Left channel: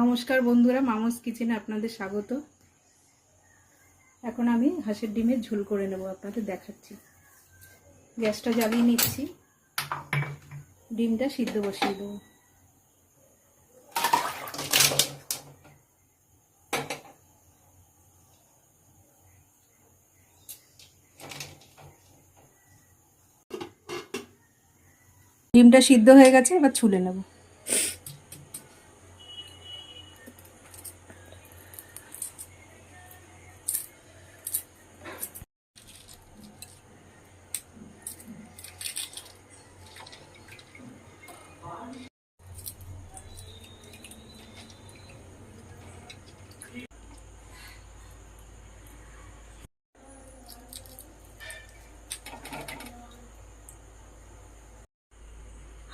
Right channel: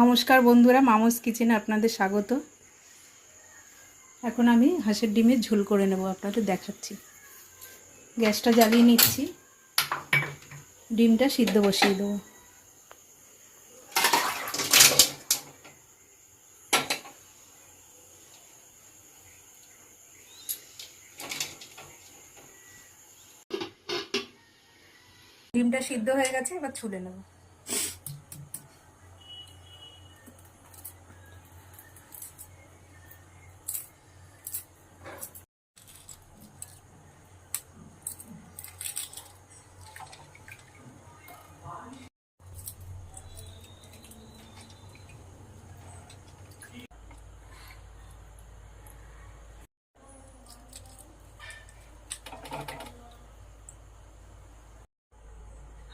নমস্কার বন্ধুরা, মামুস কিচেনে আপনাদের স্বাগত। এখন আমি হাঁসের ডিমের ঝোল করে নেব, আপনাদের দেখাচ্ছি। গ্যাসটা জ্বালিয়ে নিচ্ছি, ডিমটা সিদ্ধ বসিয়ে দেবো। ডিমটা সিদ্ধ হয়ে গেছে, এবার ছুলে নেব।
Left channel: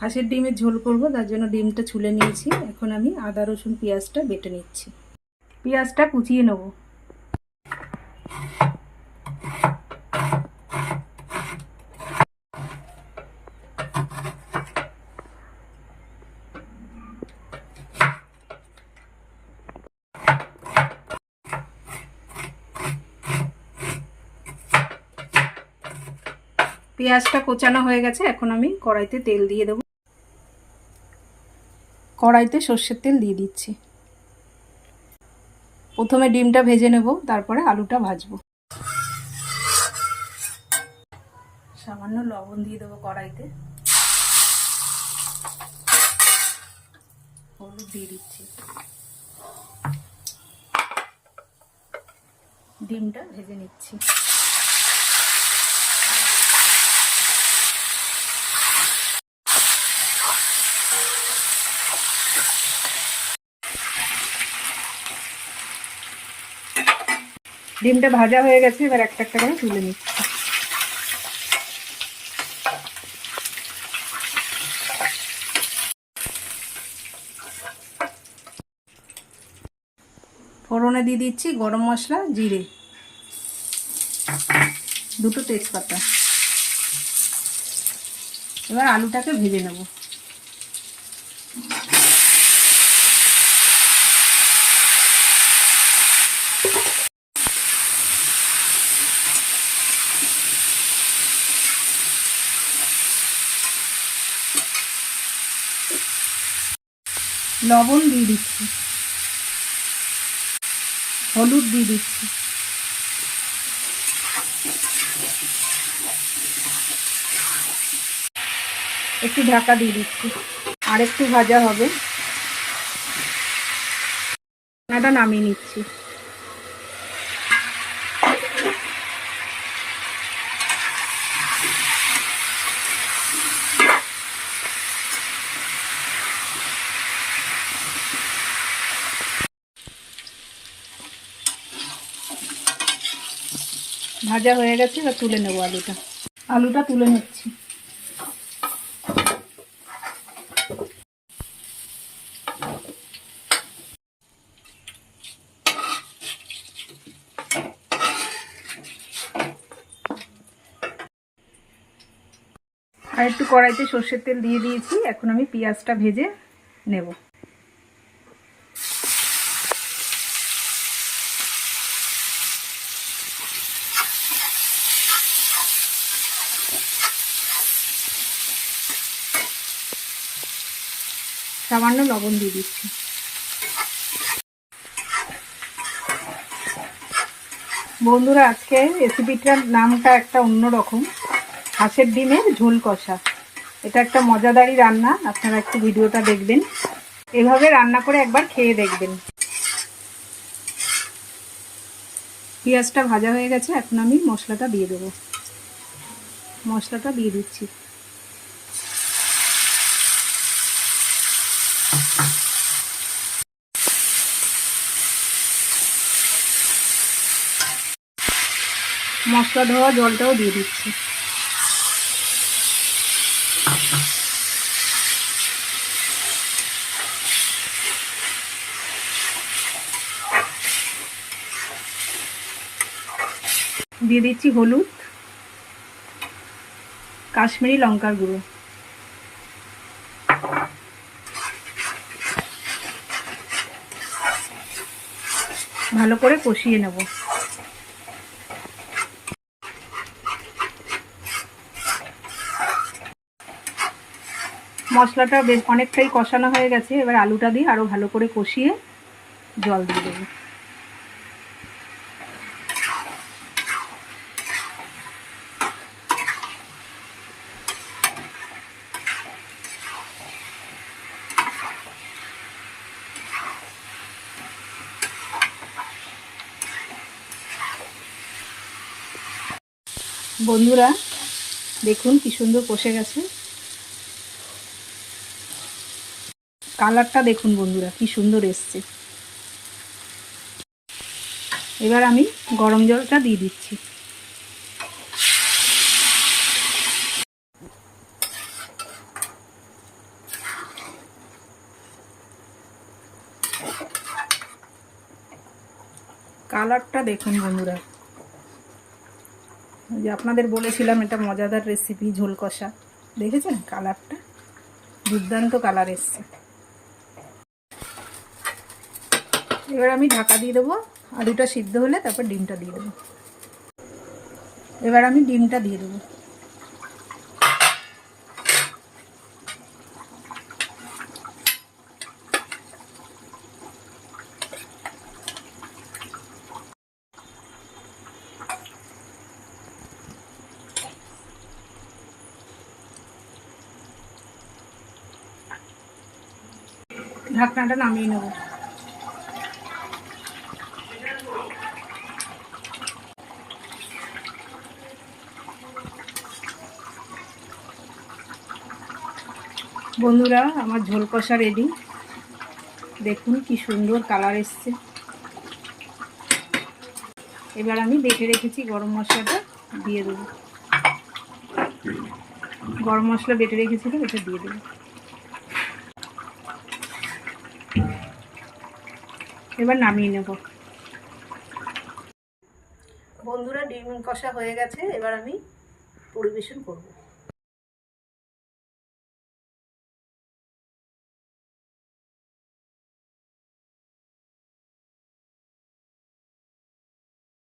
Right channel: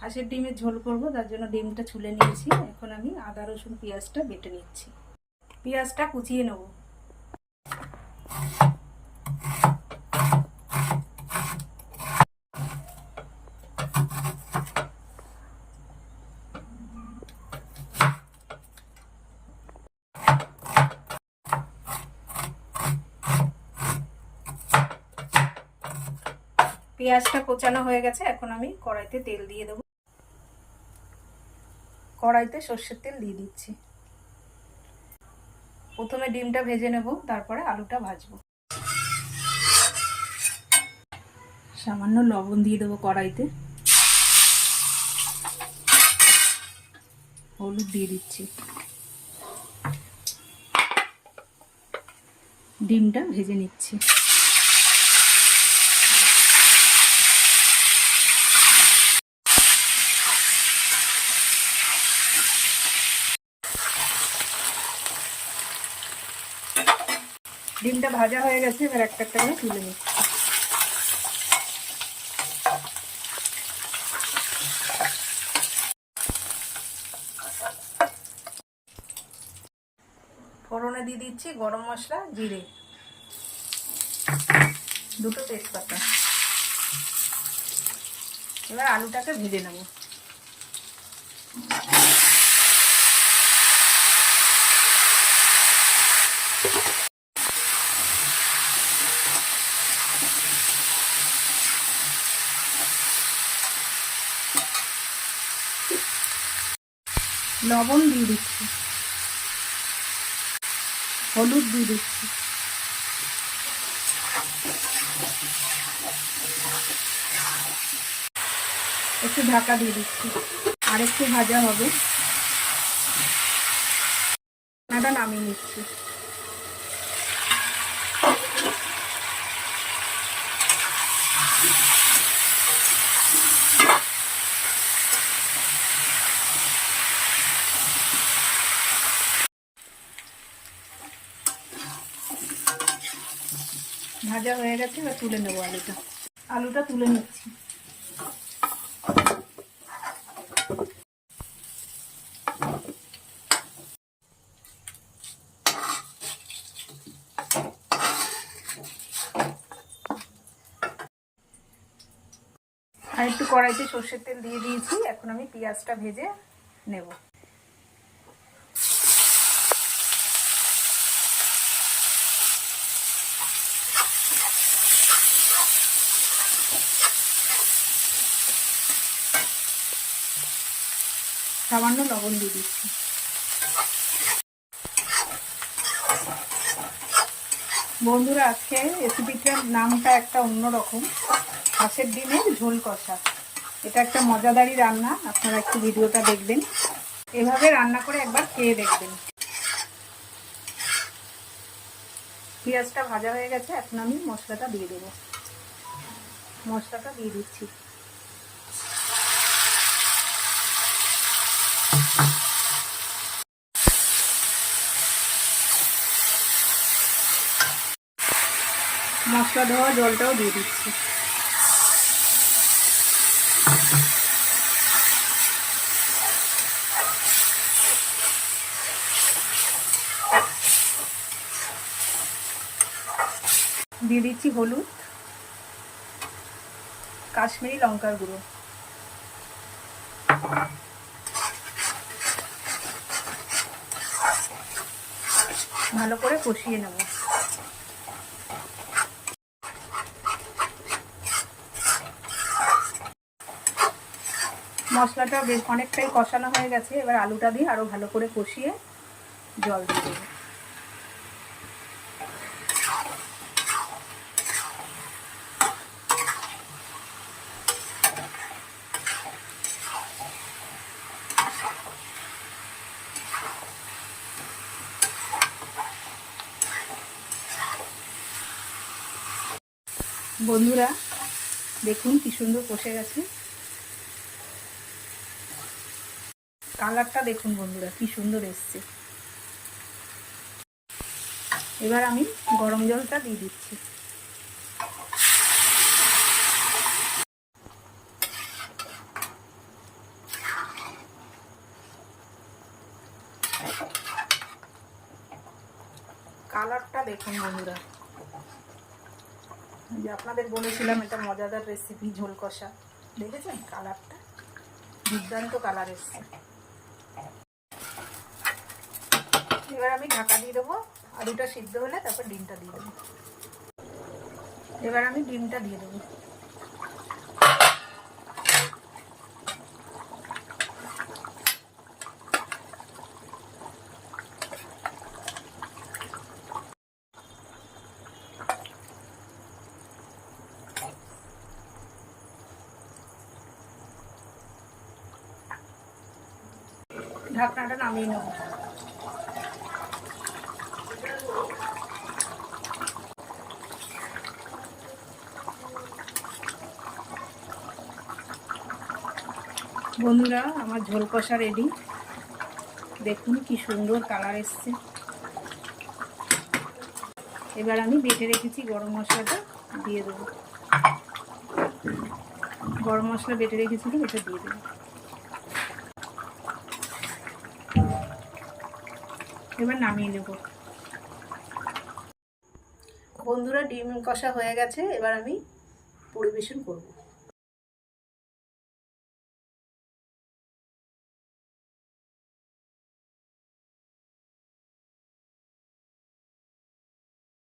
হাঁসের ডিমের ঝোল করব, তার জন্য ডিমটা ছুলে নিয়েছি। এখন আমি আদা রসুন পেঁয়াজটা বেটে নিচ্ছি। পেঁয়াজটা কুচিয়ে নেব। পেঁয়াজটা কোচানো হয়ে গেছে, এখন আমি কড়াইতে তেল দিয়ে দেবো। কড়াইতে সর্ষের তেল দিয়ে দিচ্ছি। প্রথমে ডিমটা ভেজে নেব, তারপরে আলুটা ভাজবো। সামান্য লবণ দিয়ে দেবো কড়াইতে, হলুদ দিয়ে দিচ্ছি। ডিমটা ভেজে নিচ্ছি। ডিমটা ভাজা হয়ে গেছে, এবার একটা একটা করে তুলে নিচ্ছি। ফোড়নে দিয়ে দিচ্ছি গরম মশলা, জিরে, দুটো তেজপাতা। এবার আলুটাকে ভেজে নেব। লবণ দিয়ে দিচ্ছি, হলুদ দিয়ে দিচ্ছি, একটু ঢাকা দিয়ে দিচ্ছি। আর একটু ভাজা হবে, এটা নামিয়ে নিচ্ছি। ভাজা হয়ে গেছে, এবার তুলে নেবো আলুটা তুলে নিচ্ছি। আর একটু কড়াইতে সর্ষের তেল দিয়ে দিয়েছি, এখন আমি পেঁয়াজটা ভেজে নেব। সামান্য লবণ দিয়ে দিচ্ছি। বন্ধুরা, আজকে রেসিপিটার নামটা একটা অন্যরকম, হাঁসের ডিমের ঝোল কষা। এটা একটা মজাদারি রান্না, আপনারা একটু ভিডিওটা দেখবেন, এভাবে রান্না করে একবার খেয়ে দেখবেন। পেঁয়াজটা ভাজা হয়ে গেছে, এখন আমি মশলাটা দিয়ে দেবো। মশলাটা দিয়ে দিচ্ছি। মশলা ধোয়া জলটাও দিয়ে দিচ্ছি। দিয়ে দিচ্ছি হলুদ, কাশ্মীরি লঙ্কার গুঁড়ো, ভালো করে কষিয়ে নেব। মশলাটা বেশ অনেকটাই কষানো হয়ে গেছে, এবার আলুটা দিয়ে আরও ভালো করে কষিয়ে জল দিয়ে দেবো। বন্ধুরা দেখুন কি সুন্দর কষে গেছে, কালারটা দেখুন বন্ধুরা কি সুন্দর এসছে। এবার আমি গরম জলটা দিয়ে দিচ্ছি। কালারটা দেখুন বন্ধুরা, যে আপনাদের বলেছিলাম এটা মজাদার রেসিপি ঝোল কষা, দেখেছেন কালারটা দুর্দান্ত কালার এসছে। এবার আমি ঢাকা দিয়ে দেবো, আলুটা সিদ্ধ হলে তারপর ডিমটা দিয়ে দেবো। এবার আমি ডিমটা দিয়ে দেবো। ঢাকনাটা নামিয়ে নেব। বন্ধুরা আমার ঝোল কষা রেডি, দেখুন কি সুন্দর কালার এসছে। এবার আমি বেটে রেখেছি গরম মশলাটা দিয়ে দেবো। গরম মশলা বেটে রেখেছিলাম, এটা দিয়ে দেবো। এবার নামিয়ে নেব। বন্ধুরা ডিম কষা হয়ে গেছে, এবার আমি পরিবেশন করব।